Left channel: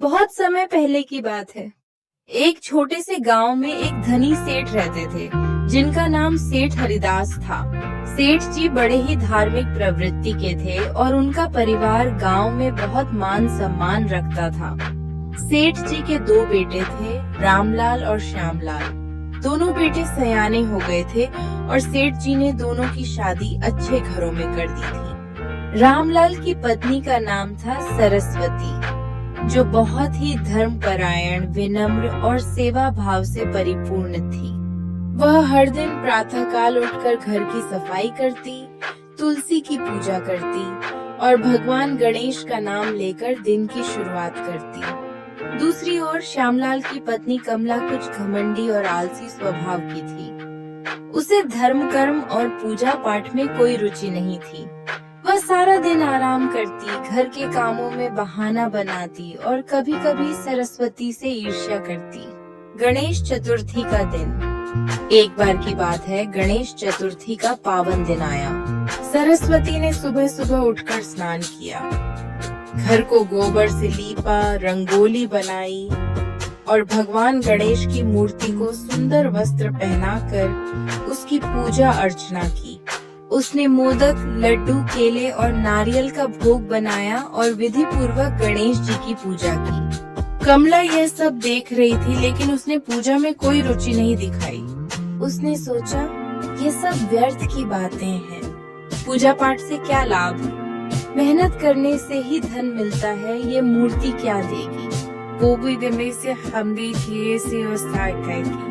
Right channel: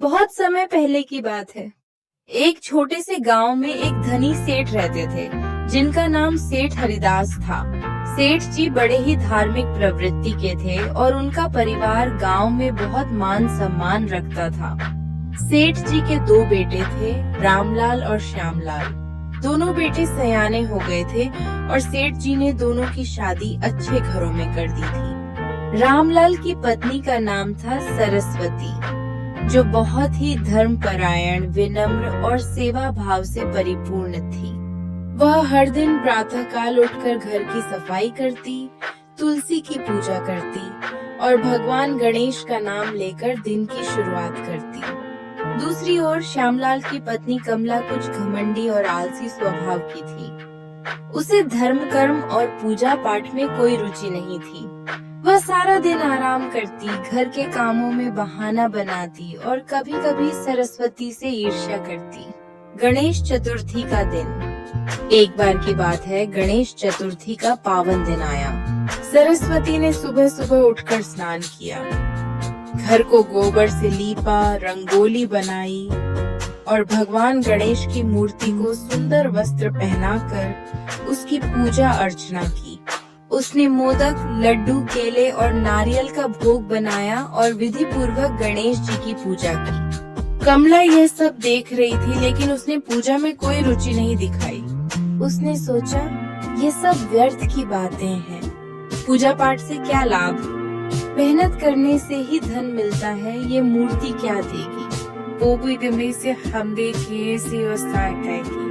बहुत समय पहले की बात है। एक छोटे से गांव में एक धनी सेठ रहते थे, जिनका नाम सेठ हरिदास था। सेठ जी बड़े ही धार्मिक प्रवृत्ति के थे और उनका परिवार गांव में बहुत मान सम्मान रखता था। सेठ जी के दो बेटे थे, रामलाल और श्यामलाल। दोनों बेटे सयाने हो गए थे और सेठ जी ने दोनों की शादी अच्छे घरों में कर दी थी। रामलाल की पत्नी का नाम था सरस्वती, जो बहुत ही धर्मपरायण, विनम्र और सेवा भाव से परिपूर्ण थी। वह हर दिन प्रातःकाल उठकर घर की सफाई करती, तुलसी की पूजा करती और भगवान गणेश का नाम लेकर दिन की शुरुआत करती। दूसरी ओर श्यामलाल की पत्नी कमला कुछ घमंडी और आलसी स्वभाव की थी। उसे धर्म कर्म और पूजा पाठ में कोई रुचि नहीं थी। वह सारा दिन आराम करती, घर के कामों में बहाना बनाती और कभी-कभी सरस्वती से ईर्ष्या करती। गणेश चतुर्थी का दिन। एक बार की बात है, गणेश चतुर्थी का पावन दिन आया। सरस्वती ने सुबह सुबह उठकर स्नान किया, घर को गोबर से लीपा, रंगोली बनाई और भगवान गणेश की मूर्ति को सुंदर वस्त्र पहनाकर उसकी पूजा अर्चना की। उसने मोदक, लड्डू, केले और नारियल का भोग बनाया और विधि पूर्वक गणेश जी की पूजा की। कमला यह सब देख रही थी, लेकिन उसने पूजा में कोई रुचि नहीं दिखाई। उसने सोचा, ये सब व्यर्थ की बातें हैं। पूजा पाठ से क्या लाभ? मेहनत करने से ही धन मिलता है, ये मूर्ति क्या देगी? वो भी दमे से हम देखिए से की।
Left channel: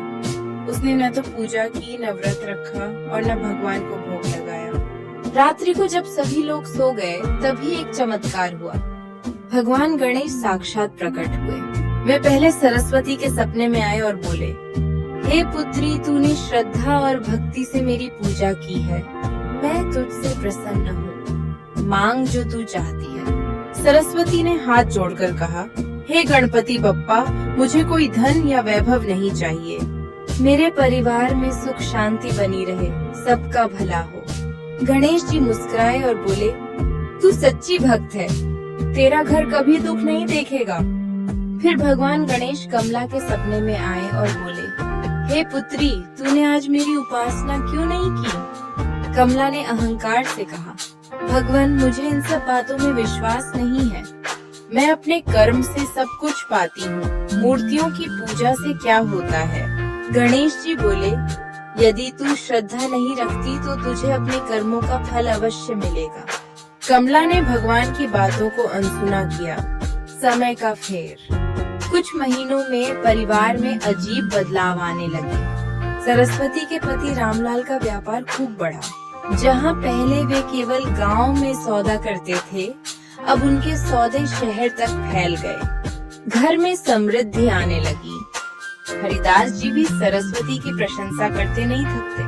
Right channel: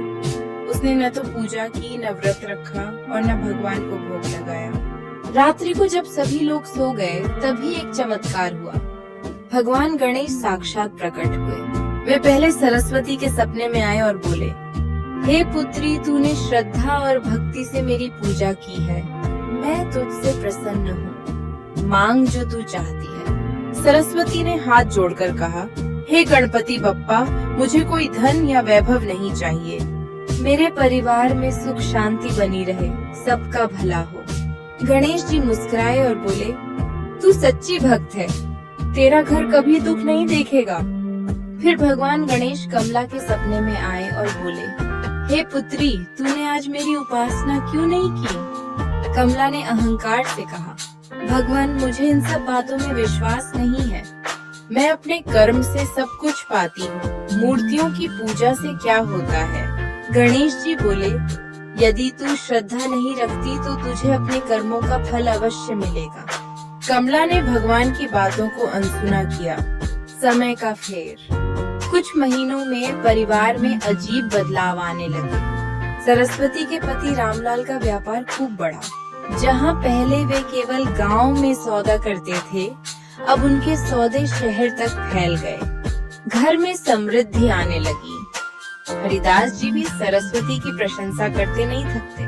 उसने न तो पूजा की, न व्रत रखा और न भगवान को भोग लगाया। रात्रि को जब सभी लोग सो गए, तभी एक चमत्कार हुआ। भगवान गणेश साक्षात प्रकट हुए। वे पहले सरस्वती के सपने में आए और बोले, हे पुत्री, तूने श्रद्धा और भक्ति से मेरी पूजा की है। मैं तुझसे प्रसन्न हूँ। मांग जो तू चाहती है। सरस्वती ने हाथ जोड़कर कहा, हे गणपति बप्पा, मुझे कोई धन या वैभव नहीं चाहिए। मेरे परिवार में सुख शांति बनी रहे, सबका भला हो। गणेश जी मुस्कुराए और बोले, तू सच्ची भक्त है, तेरा घर कभी दुख नहीं देखेगा। फिर भगवान गणेश कमला के सपने में आए और बोले, हे पुत्री, तूने आज मेरी उपासना क्यों नहीं की? कमला ने अहंकार से कहा, भगवान, मुझे इन सब बातों में विश्वास नहीं है। मैं अपने कर्म से सब कुछ पाती हूँ। मूर्तियों की पूजा से क्या होता है? गणेश जी बोले, यदि तू श्रद्धा नहीं रखती तो तुझे अपने कर्मों का फल अवश्य मिलेगा। कमला ने भगवान की बातों को अनसुना किया। समय का फेर। कुछ महीनों में परिवार में अजीब बदलाव आने लगे। सरस्वती के पति रामलाल का व्यापार खूब बढ़ा। जहाँ पहले वे केवल गांव में सौदा करते थे, अब उनके सौदे शहर तक फैल गए। घर में समृद्धि आने लगी। हरिदास जी भी सरस्वती की प्रशंसा करते नहीं थकते।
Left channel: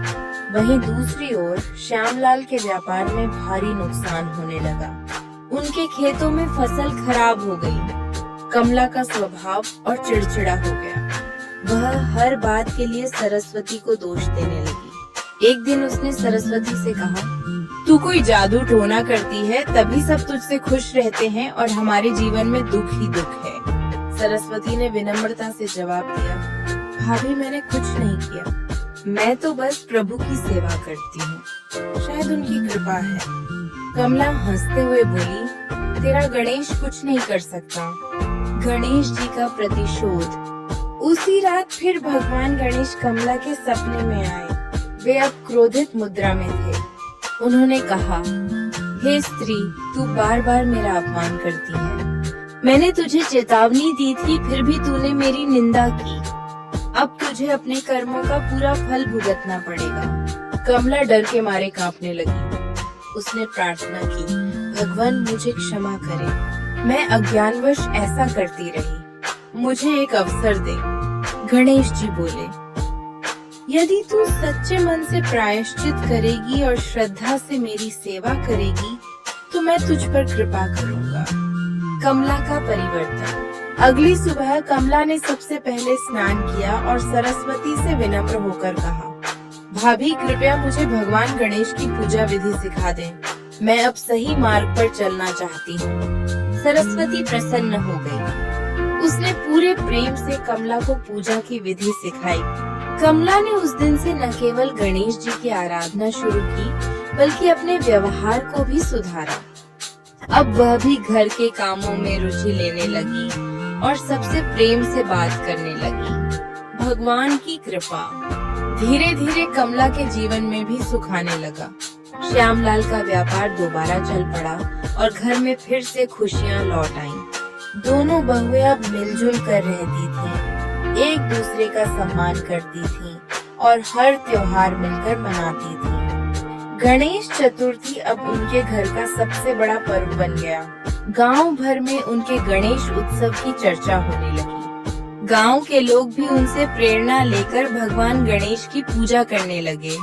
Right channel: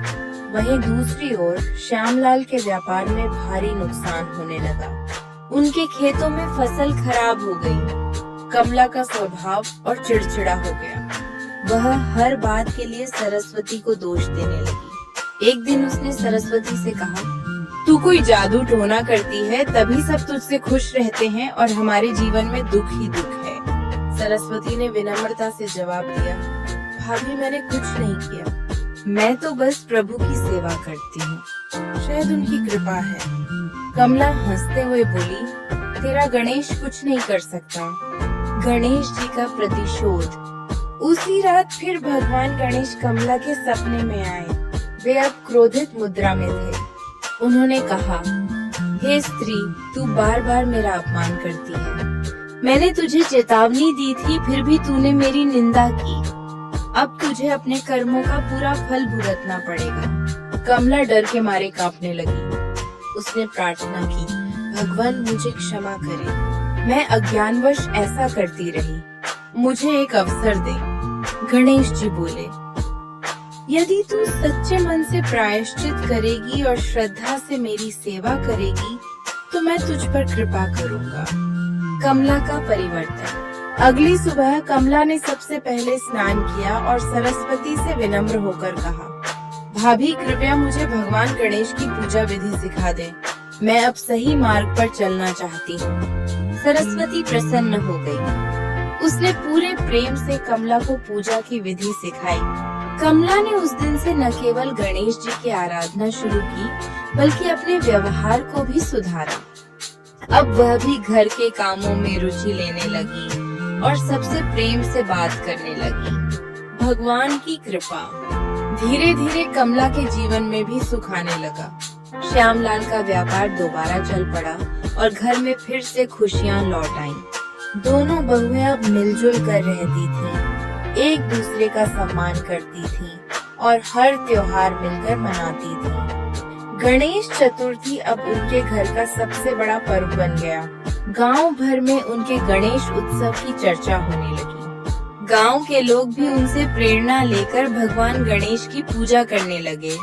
वहीं दूसरी ओर श्यामलाल के व्यापार में भारी नुकसान होने लगा। उनके खेतों में फसल खराब हो गई। कमला का स्वभाव और चिड़चिड़ा हो गया। वह हर बात के लिए सरस्वती को दोष देने लगी। एक दिन उसने सरस्वती से कहा, तू कोई जादू टोना करती है, तभी सब तुझसे खुश रहते हैं और हमारे जीवन में दुख ही दुख है। सरस्वती ने विनम्रता से जवाब दिया, भाभी, मैंने कुछ नहीं किया। मैं तो बस प्रभु की सेवा करती हूँ, शायद उनकी कृपा है। कमला हंसते हुए बोली, तेरा गणेश कुछ नहीं कर सकता। गणेश जी का प्रतिशोध। उसी रात फिर भगवान गणेश कमला के सपने में आए। वे अब क्रोधित मुद्रा में थे। उन्होंने कहा, हे स्त्री, तू बार बार मेरा अपमान करती है। मैंने तुझे चेतावनी दी थी, फिर भी तूने मेरी निंदा की। अब तुझे अपने कर्मों का पूरा फल भुगतना पड़ेगा। कमला डर के मारे कांपने लगी। उसने प्रार्थना की, भगवान, मुझे क्षमा करे। मैं अज्ञानवश ऐसा करती रही। मुझे एक अवसर दे। गणेश जी बोले, यदि तू सच्चे मन से प्रायश्चित करेगी और श्रद्धा से मेरी सेवा करेगी, तो मैं तुझ पर कृपा करूँगा। कमला का परिवर्तन। अगली सुबह कमला ने सबसे पहले स्नान किया और सरस्वती से विनम्र होकर कहा, भाभी, कृपया मुझे भगवान गणेश की पूजा विधि सिखा दें। मैं अब सही मार्ग पर चलना चाहती हूँ। सरस्वती प्रसन्न हो गई। प्रेम से कमला को पूजा की विधि सिखाई। कमला ने उस दिन से न केवल गणेश जी की आराधना शुरू की, बल्कि अपने व्यवहार को भी सुधारा। अब वह भी घर के कामों में रुचि लेने लगी और सबसे प्रेम से बात करने लगी। भगवान की कृपा। धीरे धीरे कमला के जीवन में भी सुख आने लगा। श्यामलाल का व्यापार दोबारा चल पड़ा और घर में फिर से खुशियां लौट आईं। दोनों बहुएं अब मिलजुल कर रहती थीं, एक दूसरे का सम्मान करती थीं और हर त्योहार मिलकर मनाती थीं। गणेश चतुर्थी अब उनके घर का सबसे बड़ा पर्व बन गया। गांव भर में उनके गणेश उत्सव की चर्चा होने लगी। गांव के लोग भी उनसे प्रेरणा लेकर भगवान गणेश की पूजा करने लगे।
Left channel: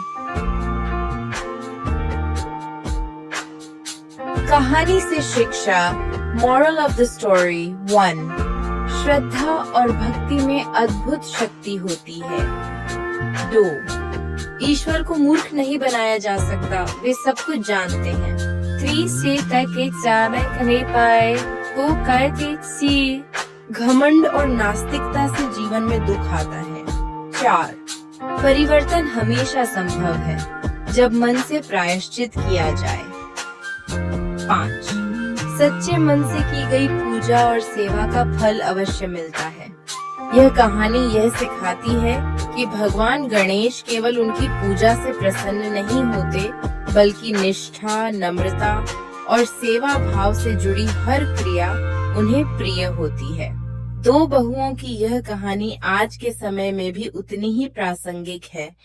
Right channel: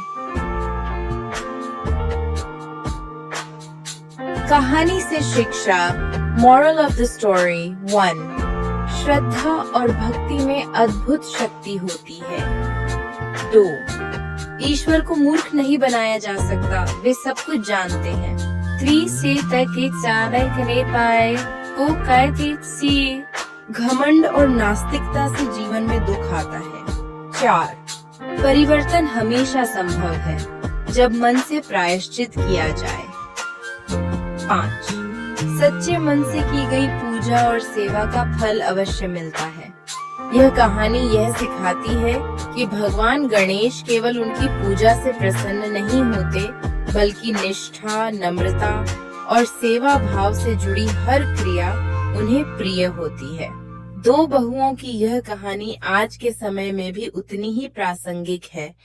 कहानी से शिक्षा। Moral of the story 1. श्रद्धा और भक्ति में अद्भुत शक्ति होती है। 2. ईश्वर को मूर्ख नहीं बनाया जा सकता, वे सब कुछ जानते हैं। 3. घमंड और नास्तिकता से जीवन में दुख आता है। 4. परिवर्तन हमेशा संभव है जब मन से प्रायश्चित किया जाए। 5. सच्चे मन से की गई पूजा और सेवा का फल अवश्य मिलता है। यह कहानी यह सिखाती है कि भगवान गणेश केवल उनकी पूजा से प्रसन्न नहीं होते, बल्कि निष्ठा, नम्रता और सेवा भाव से जुड़ी हर क्रिया उन्हें प्रिय होती है। 2 बहुओं की यह कहानी आज के समय में भी उतनी ही प्रासंगिक है,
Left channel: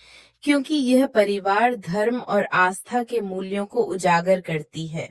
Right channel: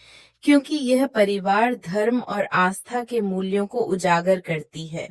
क्योंकि यह परिवार, धर्म और आस्था के मूल्यों को उजागर करती है।